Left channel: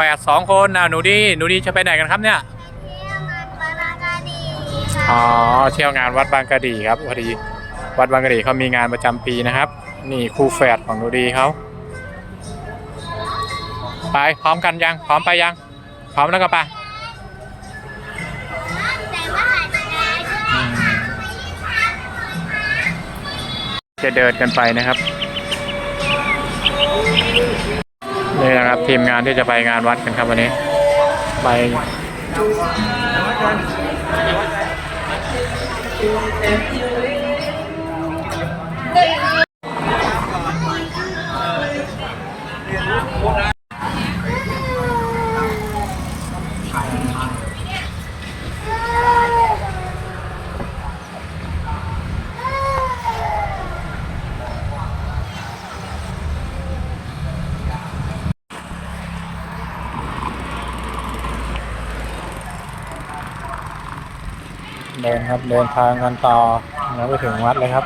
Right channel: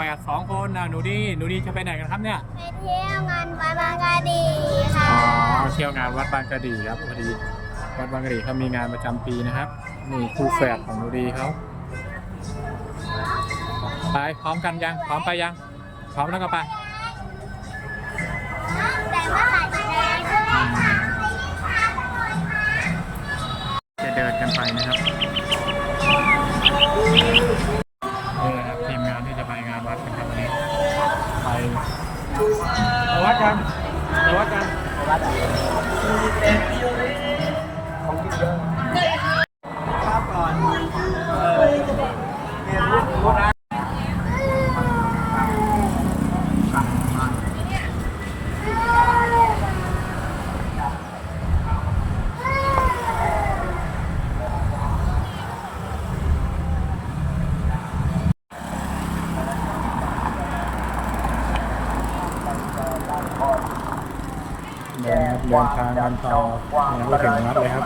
แฝดสองคนนะหนูดีหนูดีจะไปไหนกันครับเนี่ย ไปเที่ยวงานบาบากาดีค่ะอ๋อเที่ยวงานวัดบางกะดีครับพอดีวัดบางกะดีเขามีงานประจำปีนะครับ นี่คู่แฝดของหนูดีเขาไปพร้อมกันยังพร้อมไปยัง พร้อมแล้วก็ไปแต่ว่าถ่ายจะได้ด้วยอืมจะเดินกันไปนะครับ นี่นะครับทีมงานที่จะไปงานวัดกันครับวันนี้ ไปเดินครัน เดินทางกันต่อยังไม่ถึงวัดเลยครับ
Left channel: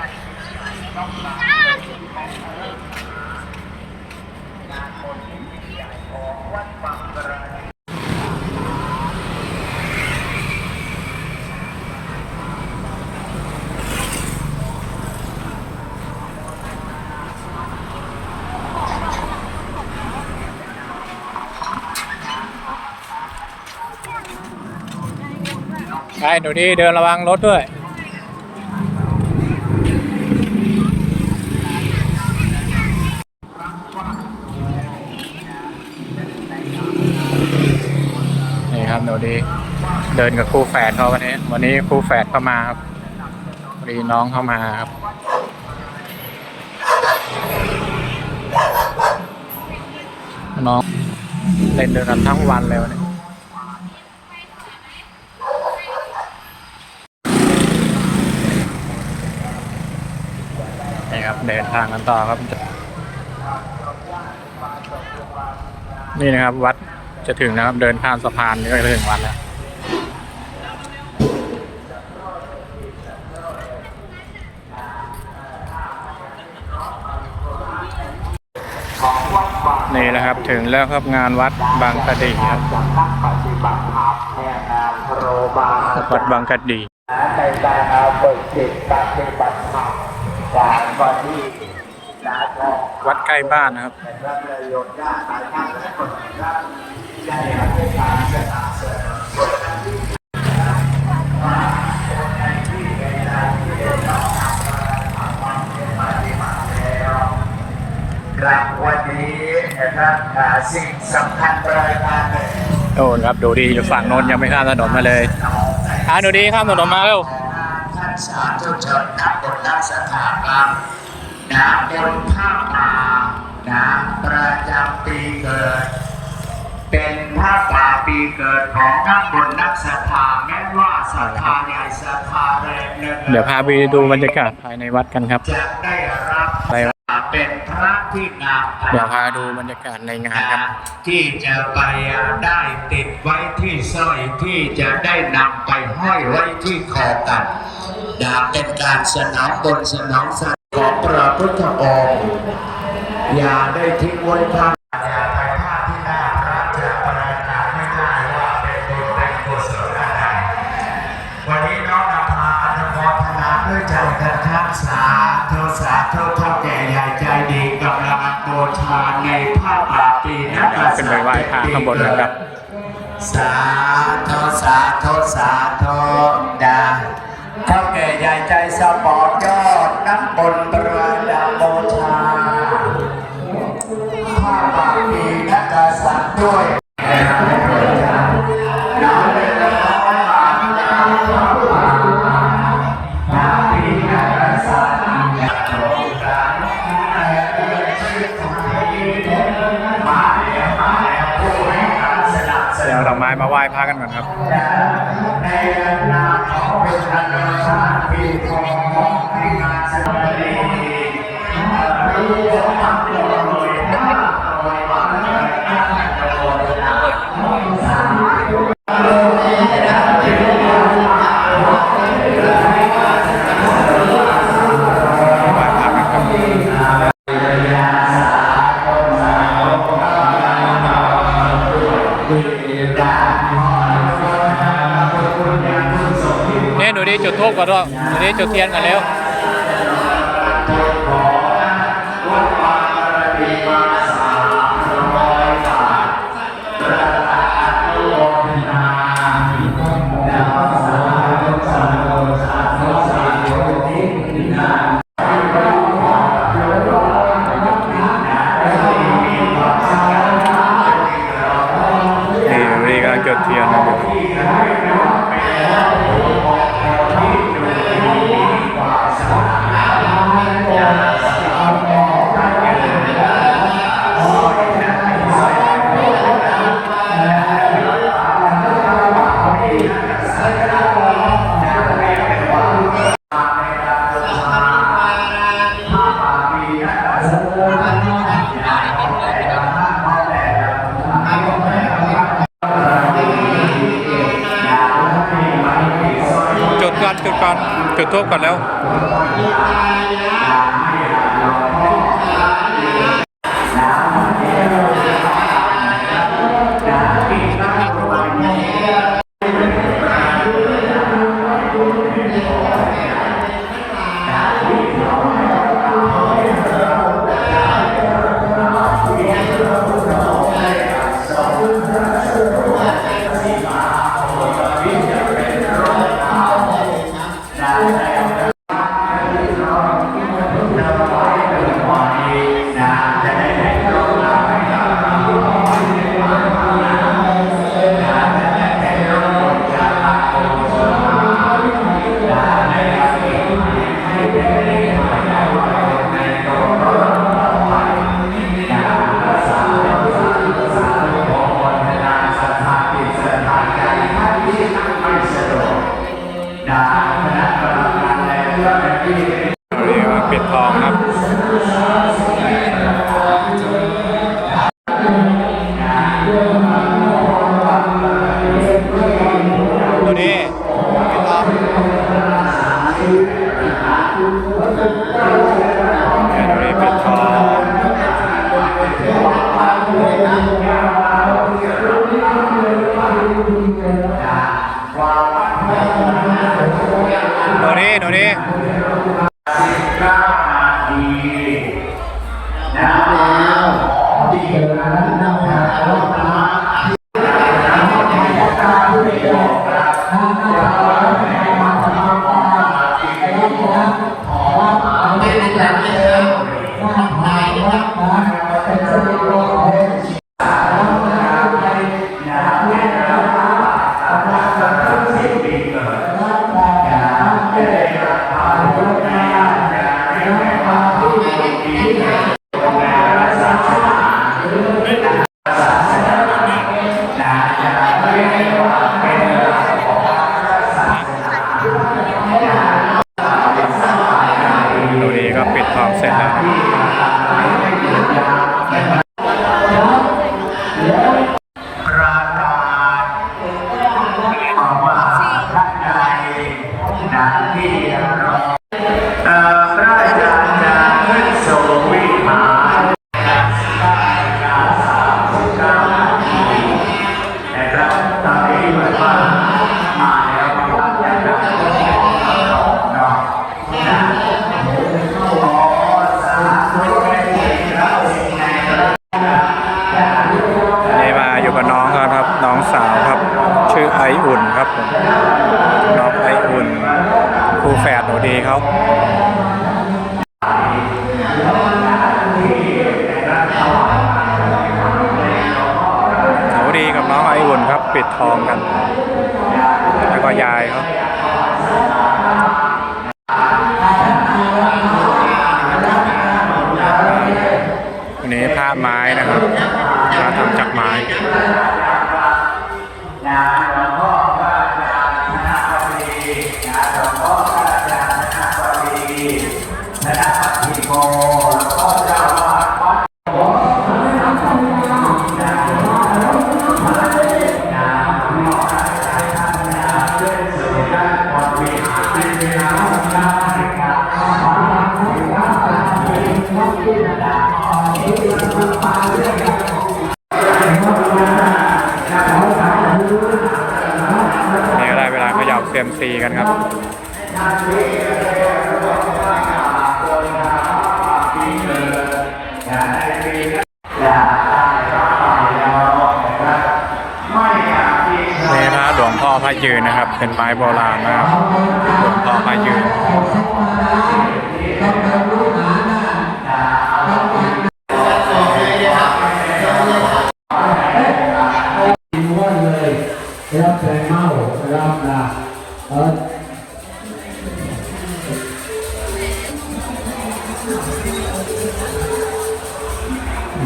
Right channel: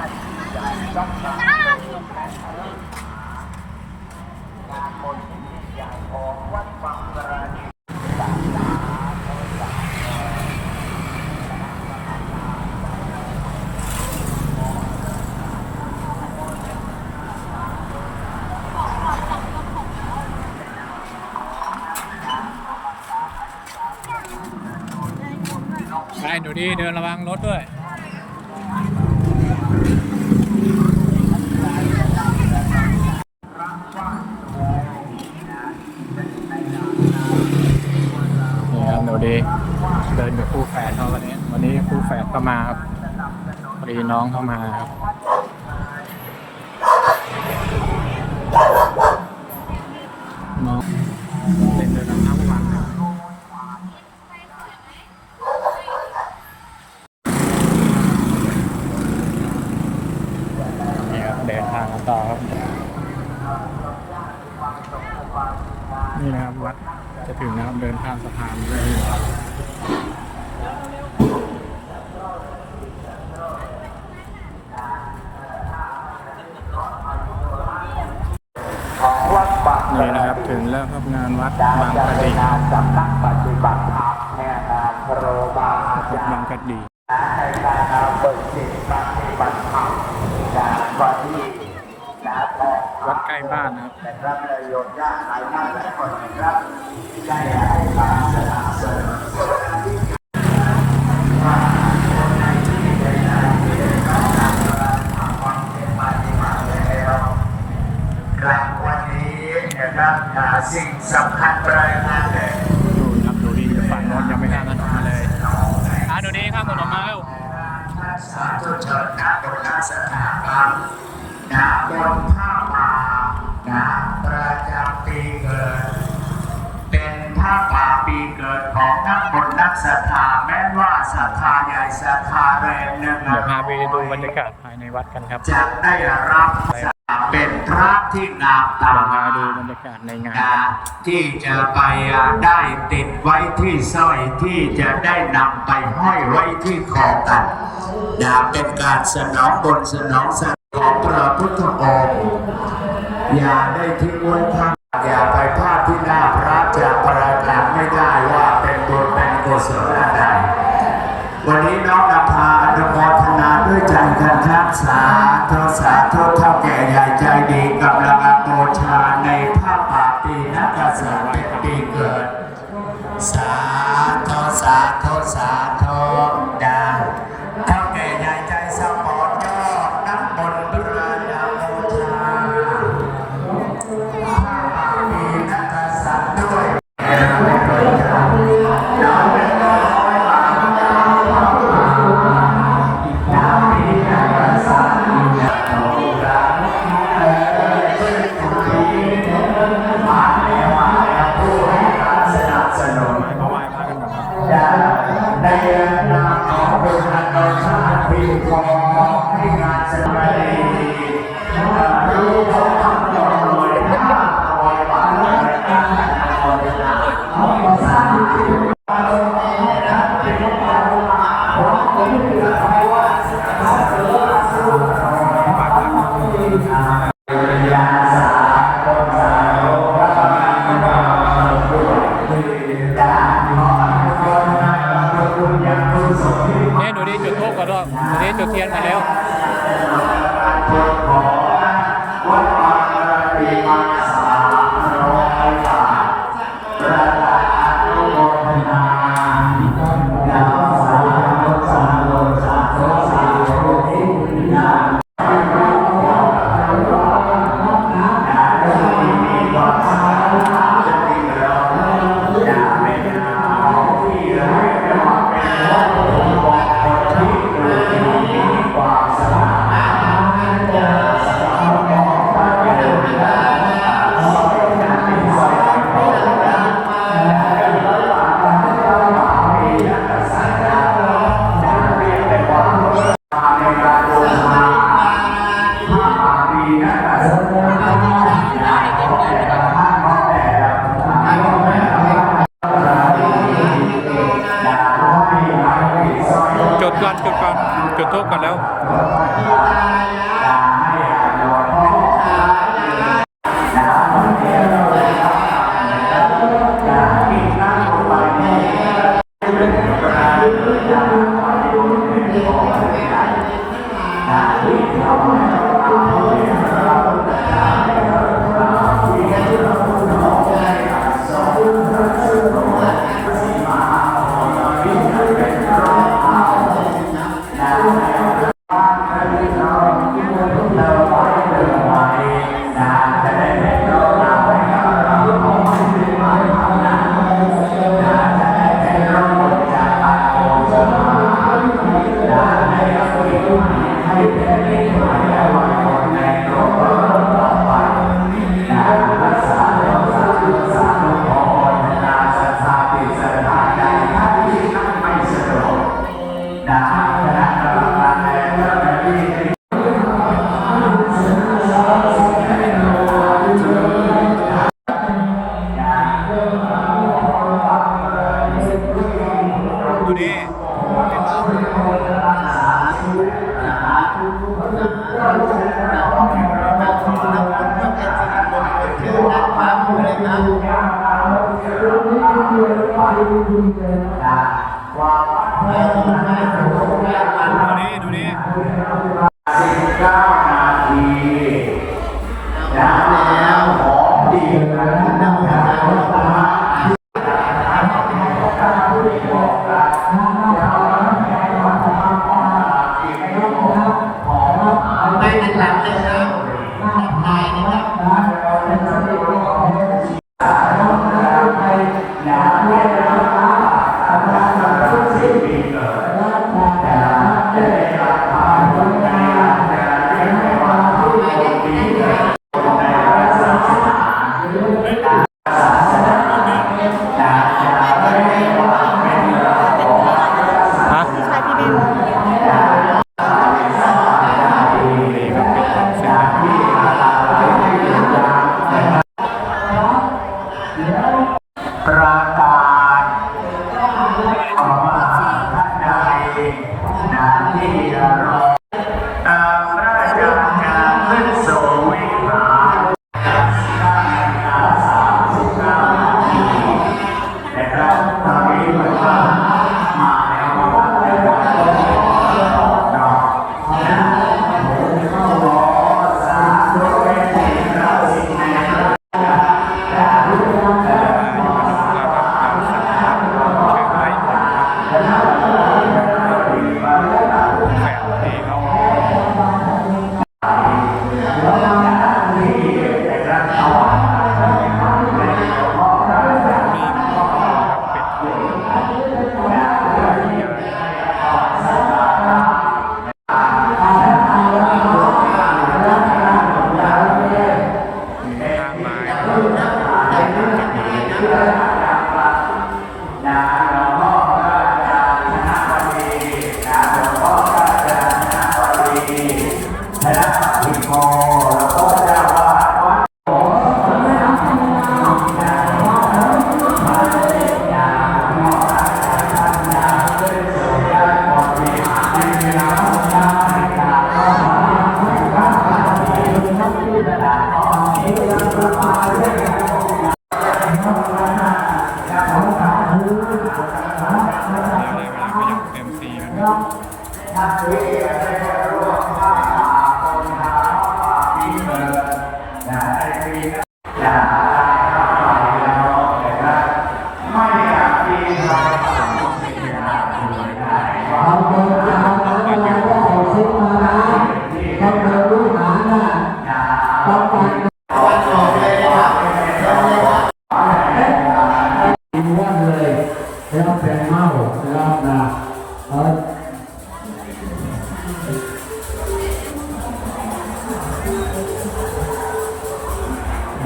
ไปหนูดีเดินระวังรถด้วยนี่ครับหนูดีเดินกับคู่แฝดเขาวันนี้ วันนี้คู่แฝดเข้ามาครับพอดีน้องเข้ามาครับน้องเล่นเดินกันทั้งวันเลยวันนี้ นี่ครับ เดินทางกันต่อครับ นี่นะครับ วัดจะถึงนะครับ เดินข้ามสะพานนี่ก็จะถึงวัดแล้วนี่นะครับถึงแล้วครับงานวัดบางกะดีครับวัดบางกะดีในการเป็นจิตปฏิบัติ วันที่นาทองวัดใกล้บ้านนะครับนะครับเลยโยมญาติหลายท่านหลายคนนะครับได้ให้การสนับสนุนครับวันนี้นะครับอ่าสิ่งสำคัญรายงานเลยโน่นครับดูดีอยู่ฝั่งโน้นยังไม่ข้ามถนนมาเลยหาดูดีข้ามถนนมาเร็ว สาธุชนนะบนนักสถาบันนะบนผ้าป่านะประจำปีเกิด เป็นผ้าป่าปีเกิดของนักบนนักศรัทธาแม้ว่าศรัทธาใหญ่ศรัทธาแรงหนึ่งเดี๋ยวพาไปดูบรรยากาศภายในวัดกันครับจะได้รับไปเป็นพระที่งามตาเดี๋ยวพาดูบรรยากาศในงานกันที่จะไปได้ติดไว้ที่สร้อยที่จะได้นำไปห้อยไว้ที่คอกัน อย่าเป็นการสนองบนสนองสัตว์ของพระพุทธองค์อย่าได้ทิ้งไว้ข้างอย่าไปพลาดที่หน้าพระจะประกาศไม่ได้ว่าเป็นบุญเป็นกุศลอะไรวันนี้น้องนภาอนุโมทนาด้วยใจกันครับสาธุสาธุเท่าแก่ใหญ่ใจดีกำลังบูชาในผ้าป่าปีนักกษัตริย์ขึ้นไปไหว้พระข้างบนเลยครับสาธุสาธุสาธุด้เนนามของเป็นอันดับชาติปีของในงานแสดงรู้ ดิจุดเทียนกันเร็ว อนจุดก่อนจุดทูบก่อนแล้ว Yeah. ิดทองกันแล้วก็ยายครับ นี่ก็ได้เวลาเขย่าเซียมซีกันครับนี่พระหลวงพ่อพระยืนนะครับ เป็นไม้โบราณ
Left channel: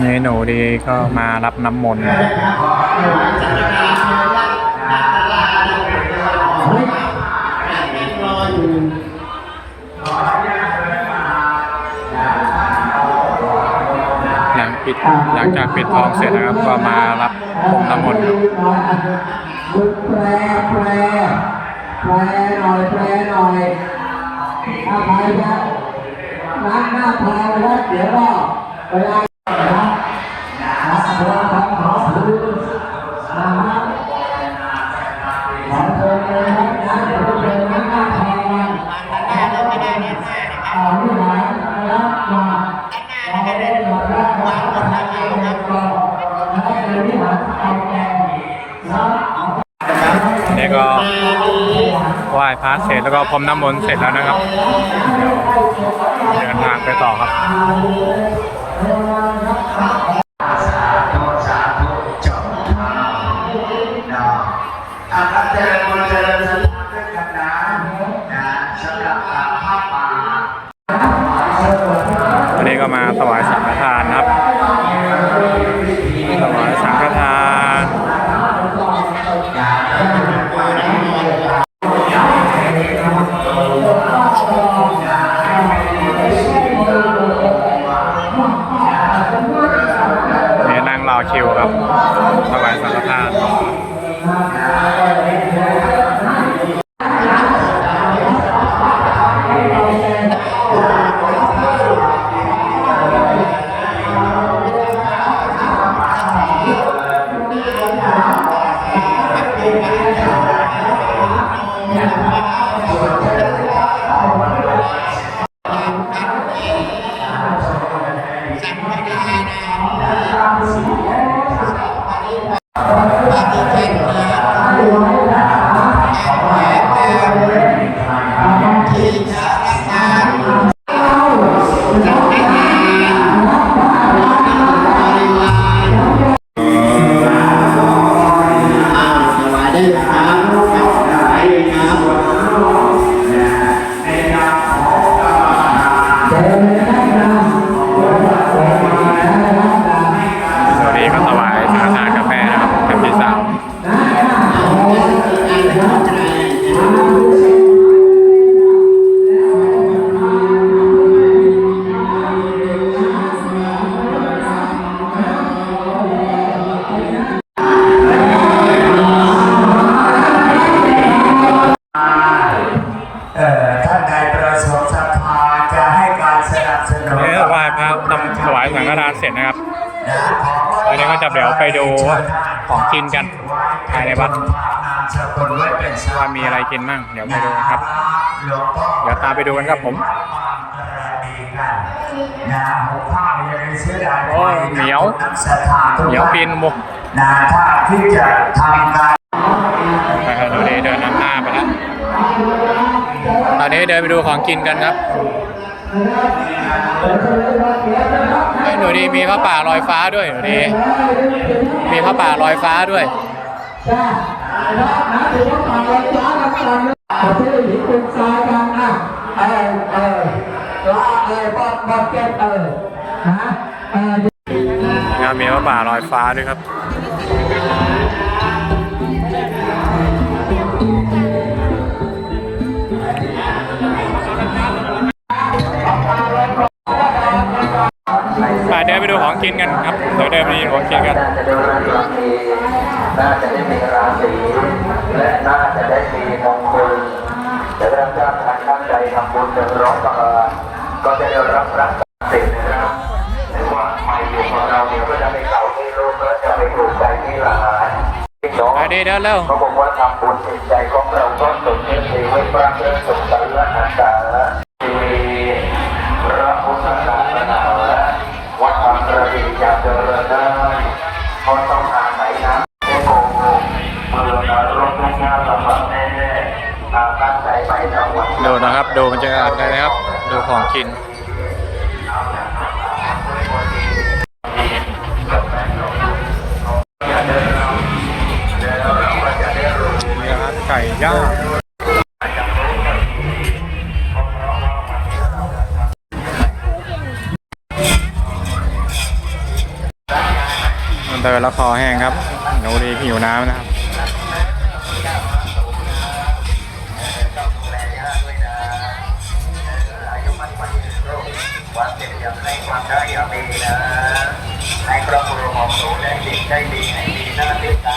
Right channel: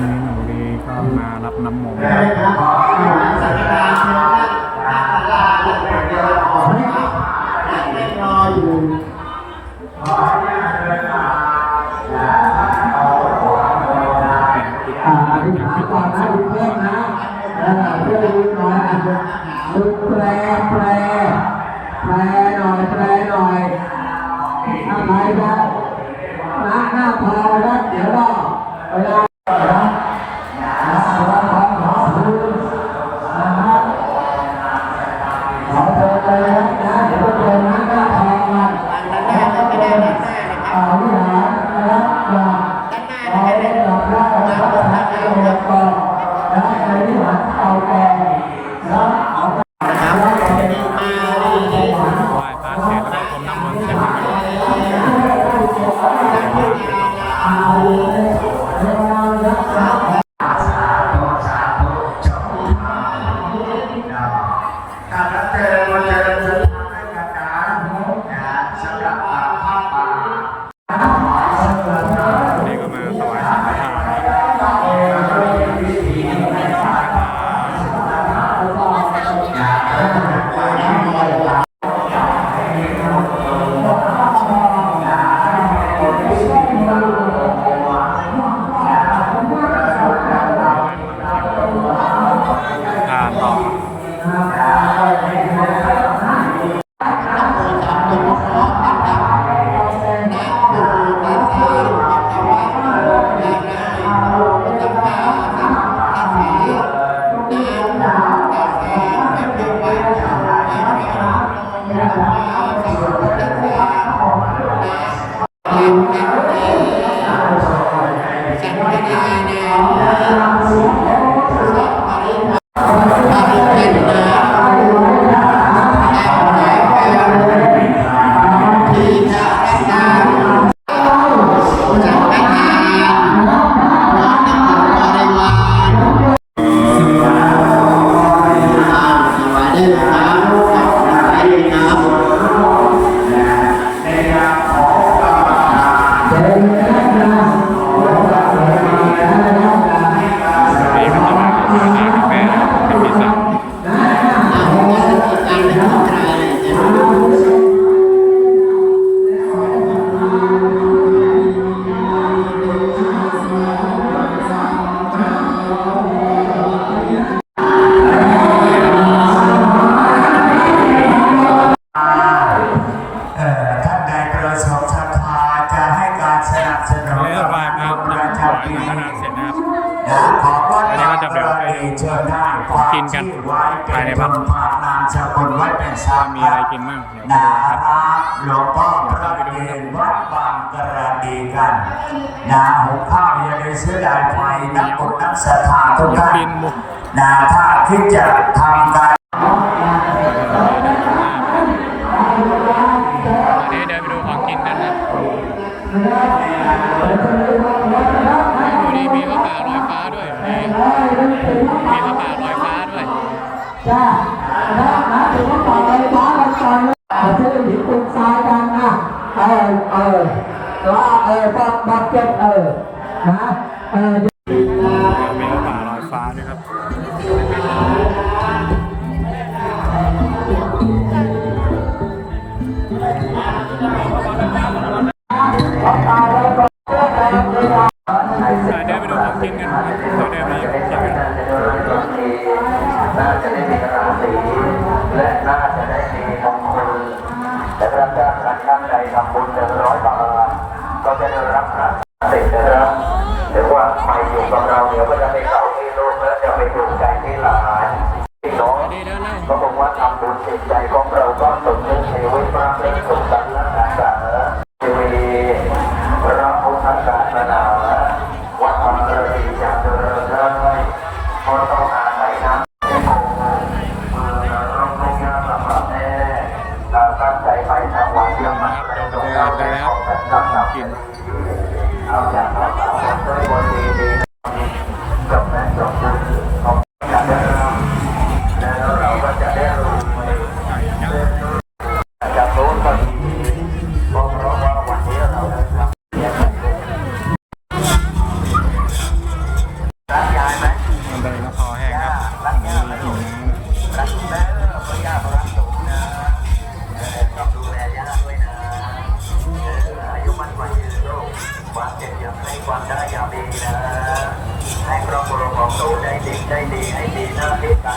นี่หนูดีก็มารับน้ำมนต์หลังปิดหลังจากปิดทองเสร็จนะครับก็มารับองน้ำมนต์แปลแปลแปลหน่อยแปลหน่อยถ้าใครจะ ล้างหน้าพาไปแล้วเดี๋ยวก็เวลานะนะขอขอขอซื้อนะฮะขอเชิญกันนะครับนะเดี๋ยวเราจะล้างหน้าพากันอ่าวิหารนะครับมาเราได้รับได้รับประทานเอาอย่างต่อนะในวิหารเอาต่อนะเอานี่ก็ไหว้พระเสร็จแล้วก็พรมน้ำมนต์เสร็จแล้วนะครับ ไ สังฆทานเสร็จนะครับตอนนี้ก็จะเดี๋ยวไปดูของกินกันภายในวัด ว่ามีอะไรกินมั่ง เดี๋ยวไปดูครับหลวงพ่อเดี๋ยวตามไปดูกันครับผมบางกระดีกันนะหัวข้าวยังได้เสียดายโอ้ยเหนียวนักศรัทธาทุกเดี๋ยวท่านปีนบุกนะถ้าที่จะทำการนะครับตอนนี้เดินนำหน้าไปแล้วตอนนี้เดินไปดูของกินกันครับเฮ้ยดูดีมีพระป่าลอยฟ้าด้วยดูดีมีพระป่าลอยฟ้าด้วย นะนะถือว่าต่อเลยฟ้ากันต่อเลยประเทศหญิงเป็นชายกันอะเออเออละเออบอดบอดเก็บเออนะเออนะครับมีพระป่าลอยฟ้าด้วยครับ ไปเดินไปดูของกินกันครับ เดี๋ยวเดินไปดูของกินกัน น่าจะได้มีราศีและน่าจะได้มีมงคลและรับจ้างการตั้งใจทำบุญหนึ่งร้อยบาทก็จะได้รับพระสิทธิ์นะครับหรือว่าใหม่อยู่กับเราเดี๋ยวก็จะไปเก่าที่โลกและจะไปถูกใจที่หลานที่สองไปดีเดินเร็วก็บอกว่าทำบุญจิตใจของเราก็สมชื่อสีววิปรังเรื่องสุขสันต์อาสาทีวีพระพุทธศาสนา วัดบางระดีจะเดินได้ก็ต้องการไหนนะให้ผมเลยเมื่อการรบกวนงาสำหรับแน่ตั้งใจไปทางวัดดูนะครับ ดูบรรยากาศได้นะครับ ดูของกิน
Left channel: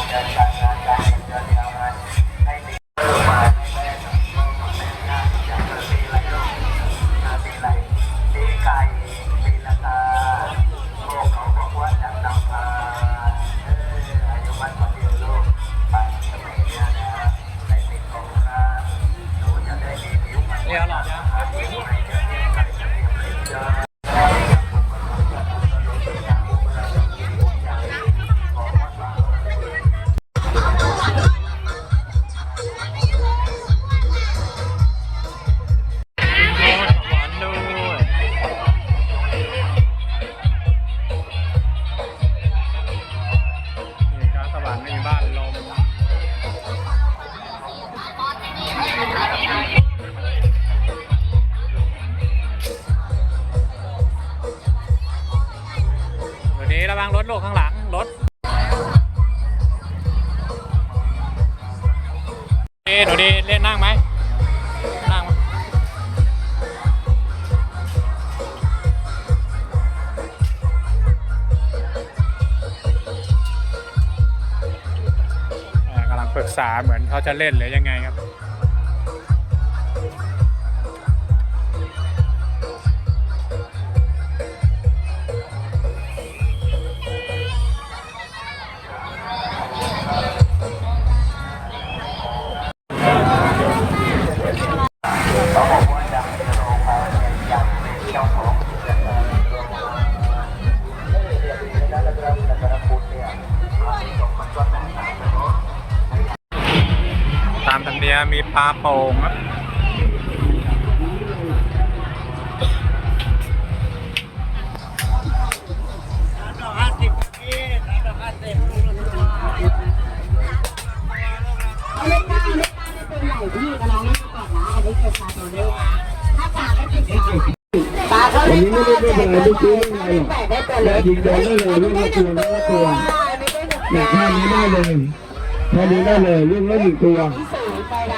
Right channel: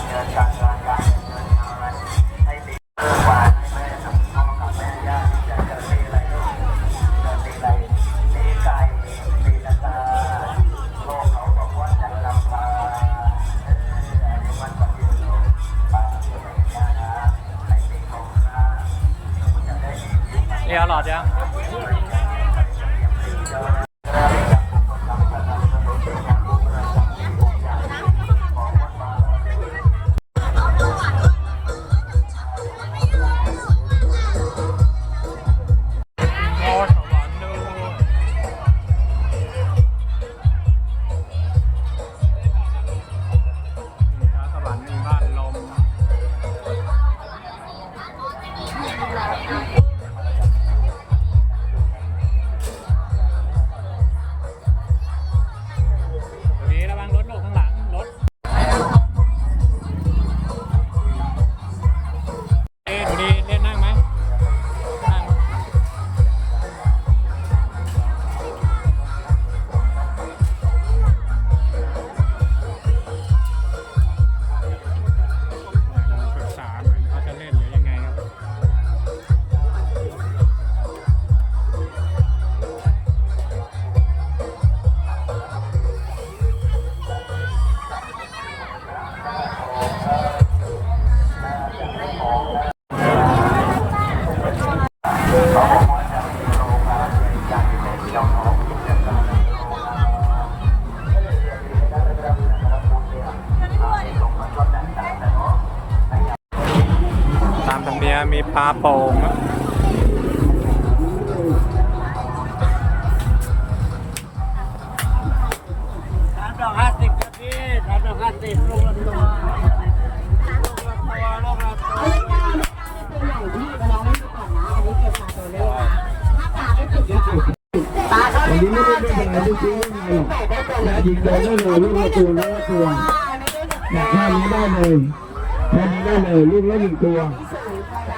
Yeah, yeah, yeah. ษาเหมือนเขาจะเล่นหรือยังไงครับ นียมมีปลาโป่งนะวันนี้ไม่ได้ไม่เป็นไรไม่ซื้อไม่เป็นไรหรอกอยากยิงโดนได้เลยลูกละตัวลูกละตัวอยากแค่นี้ได้เลยแค่นี้ได้เลยลูกละหนึ่งตัว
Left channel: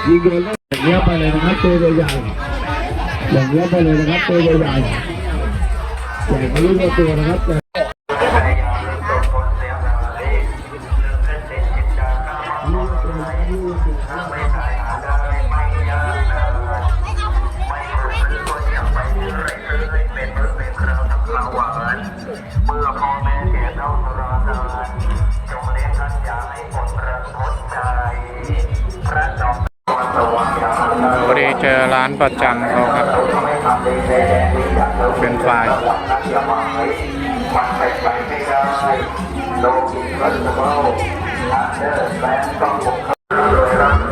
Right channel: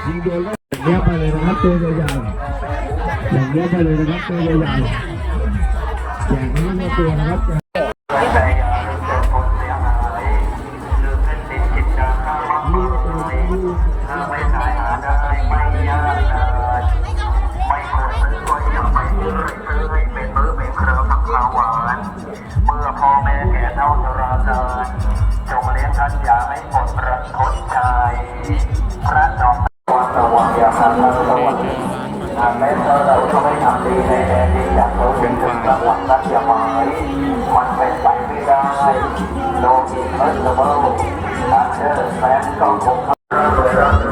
ยิงโดนอย่างเงี้ยไปเลยนะครับตัวใหญ่ๆอย่างเงี้ยไปเลยนะครับตัวใหญ่ๆอย่างนี้ลูกละตัวนะครับพอดี พอดีเจอร้านประจำเขาครับ เป็นไฟล์มันไปไกลไม่ได้โลกิมัสเบิลอันเดอร์แฟนก็คง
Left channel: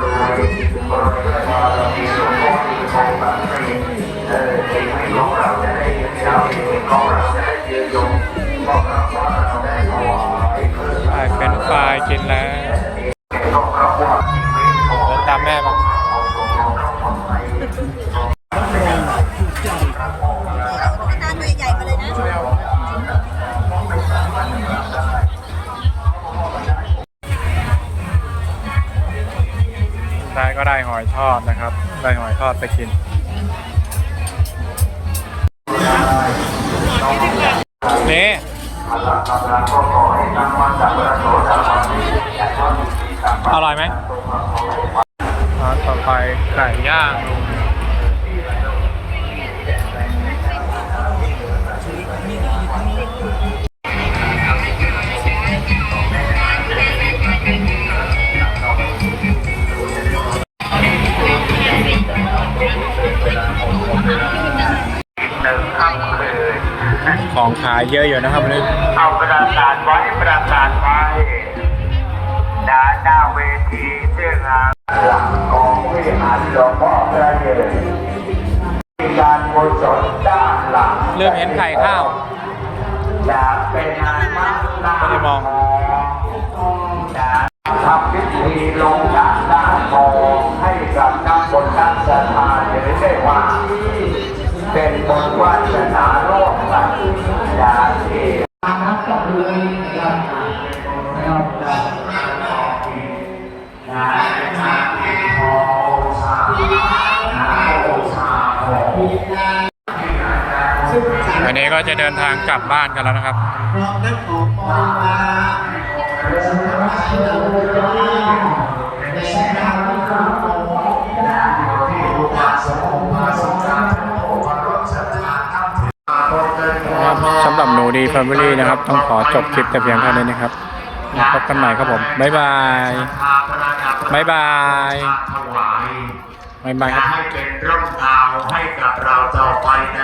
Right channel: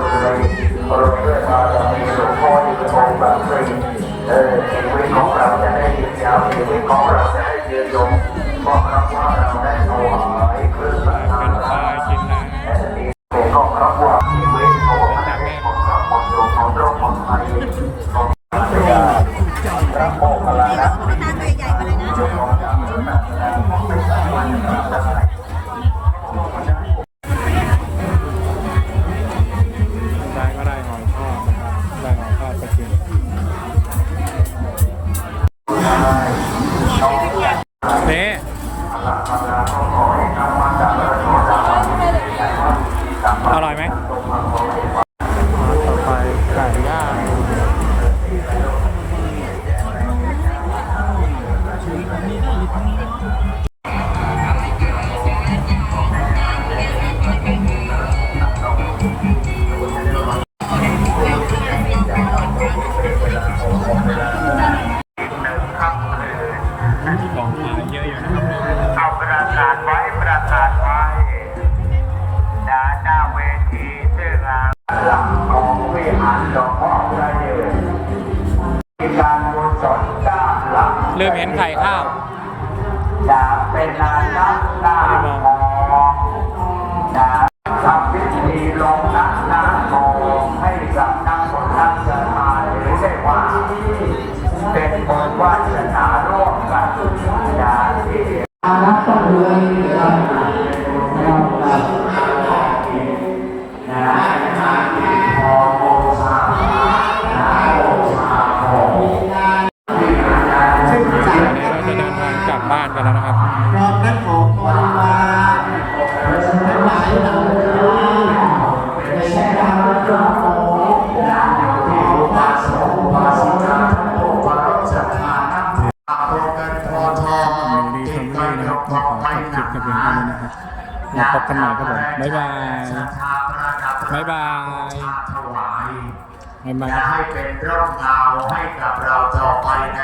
หอยทอดนะครับ ได้หอยทอดไปกินนี่อร่อยไหมมาต่อไปไก่ย่าง ของขายเยอะอยู่นะครับวันนี้เอาประกาศไว้ประกาศไว้ดาหน้าเวทีชื่องานหลักของวิหารหลวงพ่อพระเยืนมีการกุศลด้านหลังเริ่มเห็นไข่ข้าวอยากเป็นนานนักหน้าไม่ได้มองนะทำพิธีลงหน้าหน้าทองให้กับนักบนนักสถานหรือได้ว่า เป็นบนวาสนาร่วมกันอย่างที่ อานับต้องรวยนะครับนะครับอันนี้ก็จะเดินทางกลับบ้านกันแล้วนะครับ พร้อมนั้นขอ นูดีแฟมิลี่นะครับ ต้องขอจบคลิปแต่เพียงเท่านี้นะครับมาพบกันใหม่ครับผม บ๊ายบาย บ๊ายบายถวาย บ๊ายบายครับ ให้เป็นร่มเงาให้กับเราต่อไปใน